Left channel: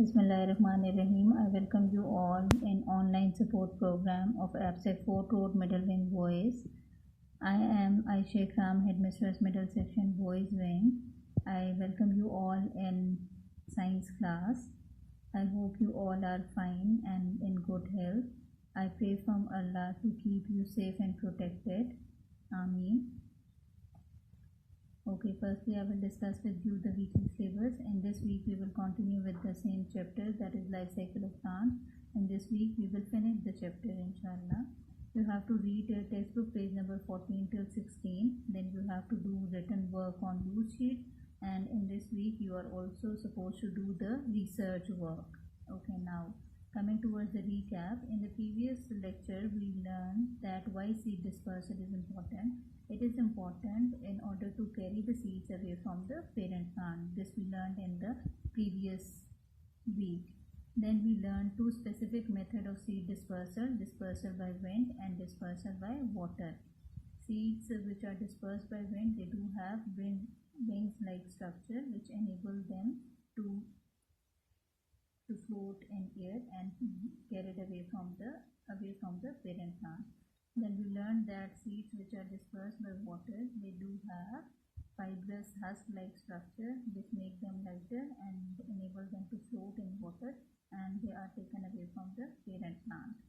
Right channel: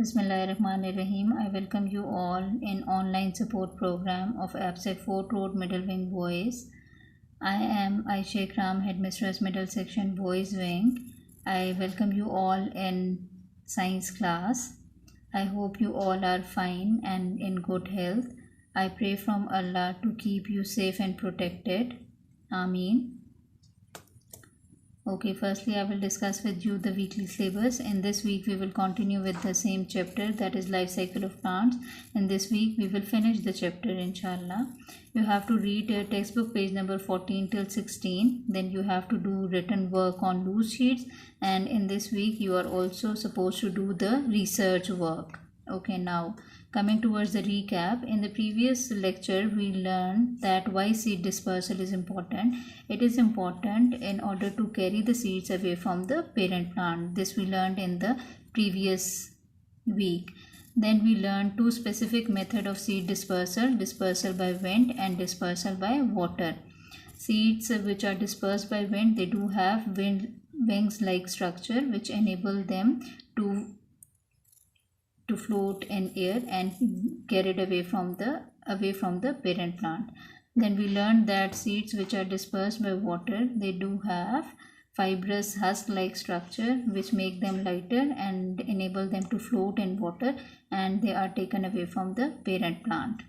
Bismillahirrahmanirrahim. I welcome you all in online support program of APSEC 4th Road Middle Wing Boys. I am Aisha Ikram, Headmistress Middle Section Boys Wing. I welcome you all in science class. I hope you all are fine and in good health. I pray from Allah to keep you safe and protected. Ameen. Okay, firstly I will discuss with you the weekly syllabus. In this week we will continue with the same chapter, that is life cycle of plants. In this week we will finish the chapter inshallah. You have to read textbook page number 14 till 16. Then you have to do written work on loose sheets, and in this week you are also supposed to do the research work. Okay, now coming towards the recap, in the previous lecture we learned that why seed dispersal is important. It is important in order to carry the seeds away from the parent plant. This we learned in the previous week. Then we learned two specific methods of seed dispersal: dispersal by wind and dispersal by water. Seeds which are dispersed by wind, they do have wings like structure which enable them to float in air and carried away from the parent plant. Then we learned that seeds which are dispersed by water, they do have fibrous husk like structure which make them lighter and enable them to float in water, and they are taken away from the parent plant.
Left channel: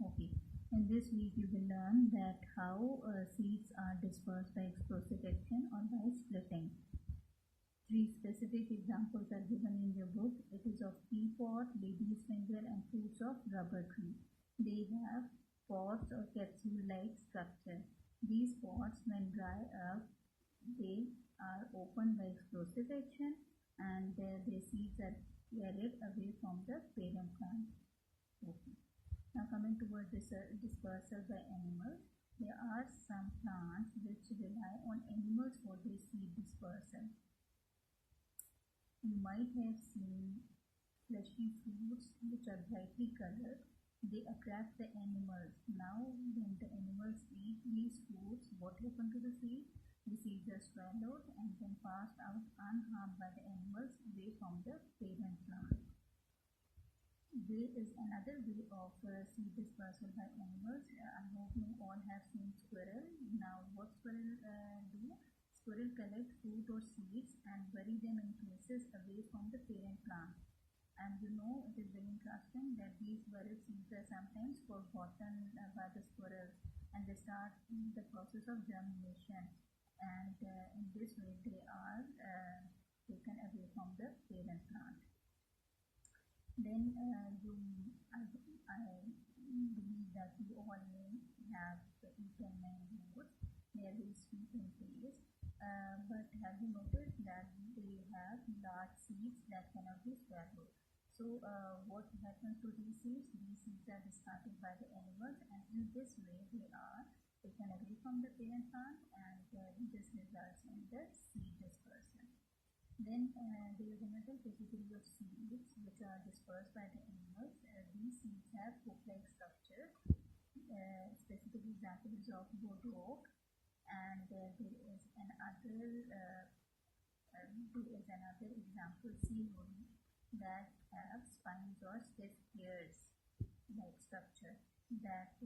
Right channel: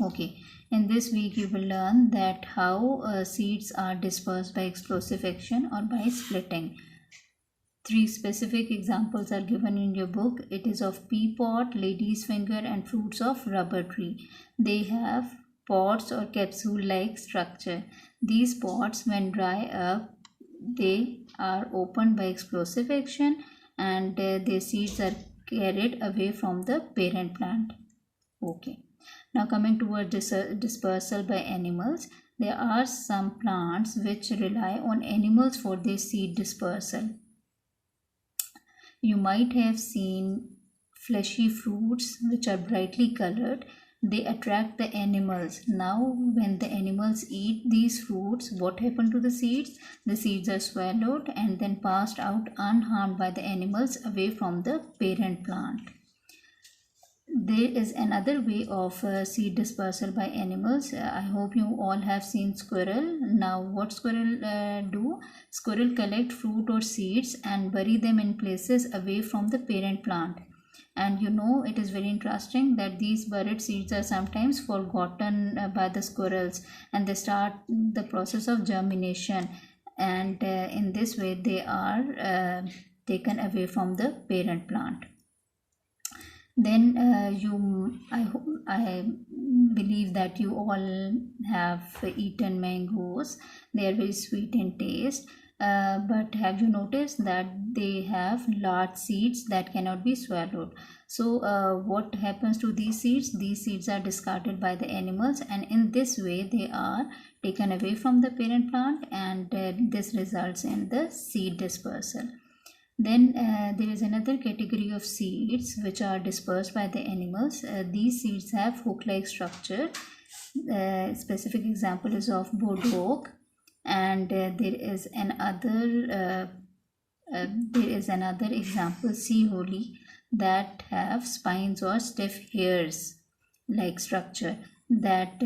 Okay, in this week you will learn that how seeds are dispersed by explosive action or by splitting. Three specific examples are given in your book. It is of pea pod, lady's finger and fruits of rubber tree. They have pods or capsule like structure. These pods, when dry up, they are opened by explosive action, and their seeds are carried away from the parent plant. Okay, now coming towards dispersal by animals. There are some plants which rely on animals for their seed dispersal. You might have seen fleshy fruits which are brightly colored. They attract the animals. Now when the animals eat these fruits, what happened to the seeds? The seeds are swallowed and then passed out unharmed by the animals away from the parent plant. There is another way of seed dispersal by animals. I hope you all have seen squirrel. Now what squirrel do? Squirrel collect fruit or seeds and bury them in places away from the parent plant. And you know, it is very interesting that these buried seeds are sometimes forgotten by the squirrels, and they start the process of germination, and in this way they are taken away from the parent plant. Then I believe that you all have eaten mangoes. They are very sweet in taste, but have you noticed that they have large seeds that cannot be swallowed? So what happens to these seeds? These seeds are discarded by the animals, and in this way they are taken away from the parent plant, and this results in the seed dispersal. Then there is another category of seeds which are dispersed by the animals. These seeds have hook-like structure. Specific example is of bodock, and there is another example, sea holly, that have spines or stiff hairs like structure that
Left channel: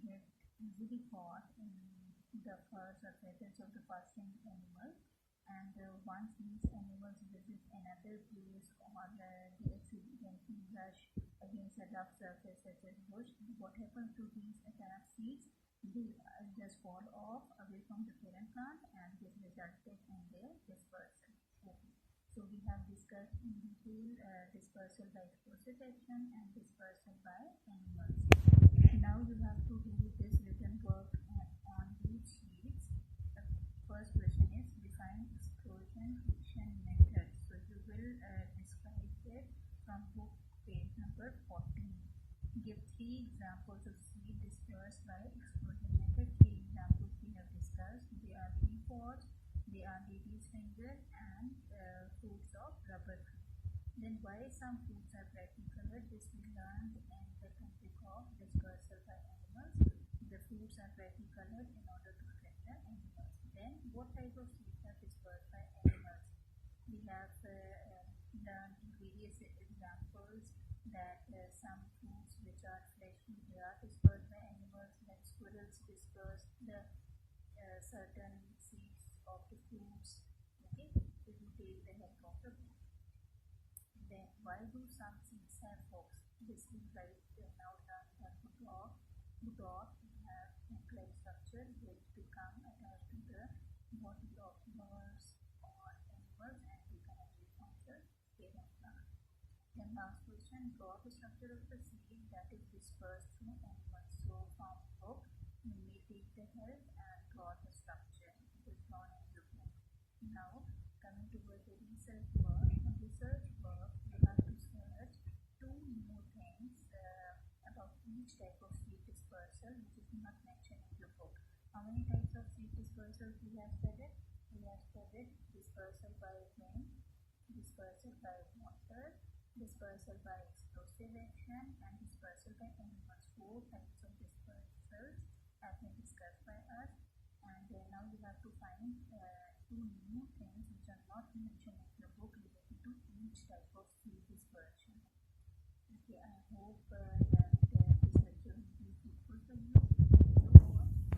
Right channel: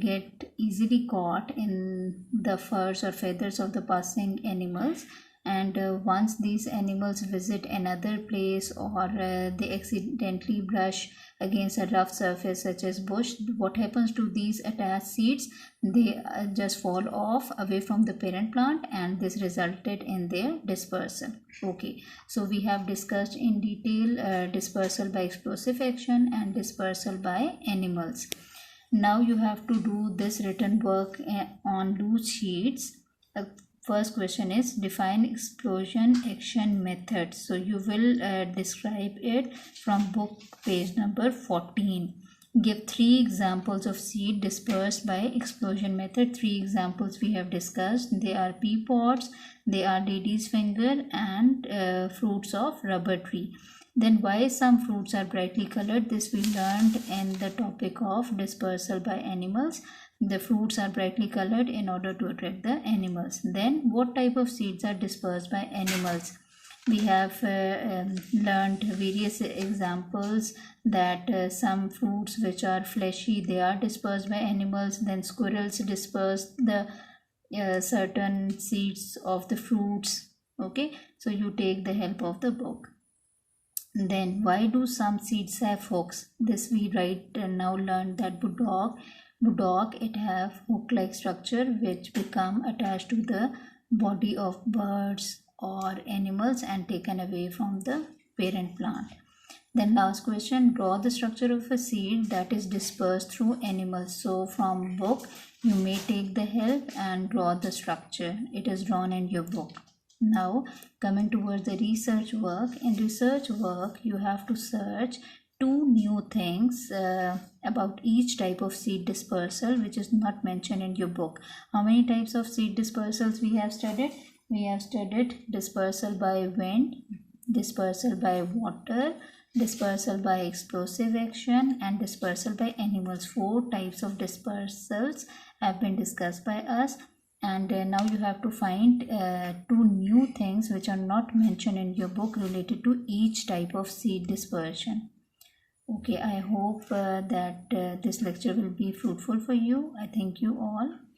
get easily caught in the furs or feathers of the passing animals. And once these animals visit another place, or they accidentally brush against a rough surface such as bush, what happens to these attached seeds? They just fall off away from the parent plant, and this resulted in their dispersal. Okay, so we have discussed in detail dispersal by explosive action and dispersal by animals. Now you have to do this written work on loose sheets. First question is define explosion action method. So you will describe it from book page number 14. Give 3 examples of seed dispersed by explosion method. 3 examples we have discussed. They are pea pods, they are lady's finger, and fruits of rubber tree. Then why some fruits are brightly colored? This we learned in the topic of dispersal by animals. The fruits are brightly colored in order to attract the animals. Then what type of seeds are dispersed by animals? we have learned various examples that some fruits which are fleshy, they are dispersed by animals. Then squirrels disperse the certain seeds of the fruits. Okay, so you take the help of the book. Then why do some seeds have hooks? This we write now learned that budok it have hook like structure which become attached to the body of birds or animals and taken away from the parent plant. Then last question, draw the structure of a seed that is dispersed through animals. So from book you may take the help and draw the structure. It is drawn in your book. Now coming towards the research work. In research work you have to search two new things about each type of seed dispersal which is not mentioned in your book. How many types of seed dispersals we have studied? We have studied dispersal by wind, dispersal by water, dispersal by explosive action, and dispersal by animals. 4 types of dispersals have been discussed by us. And now you have to find 2 new things which are not mentioned in your book related to each type of seed dispersion. Okay, I hope that this lecture will be fruitful for you. I thank you all.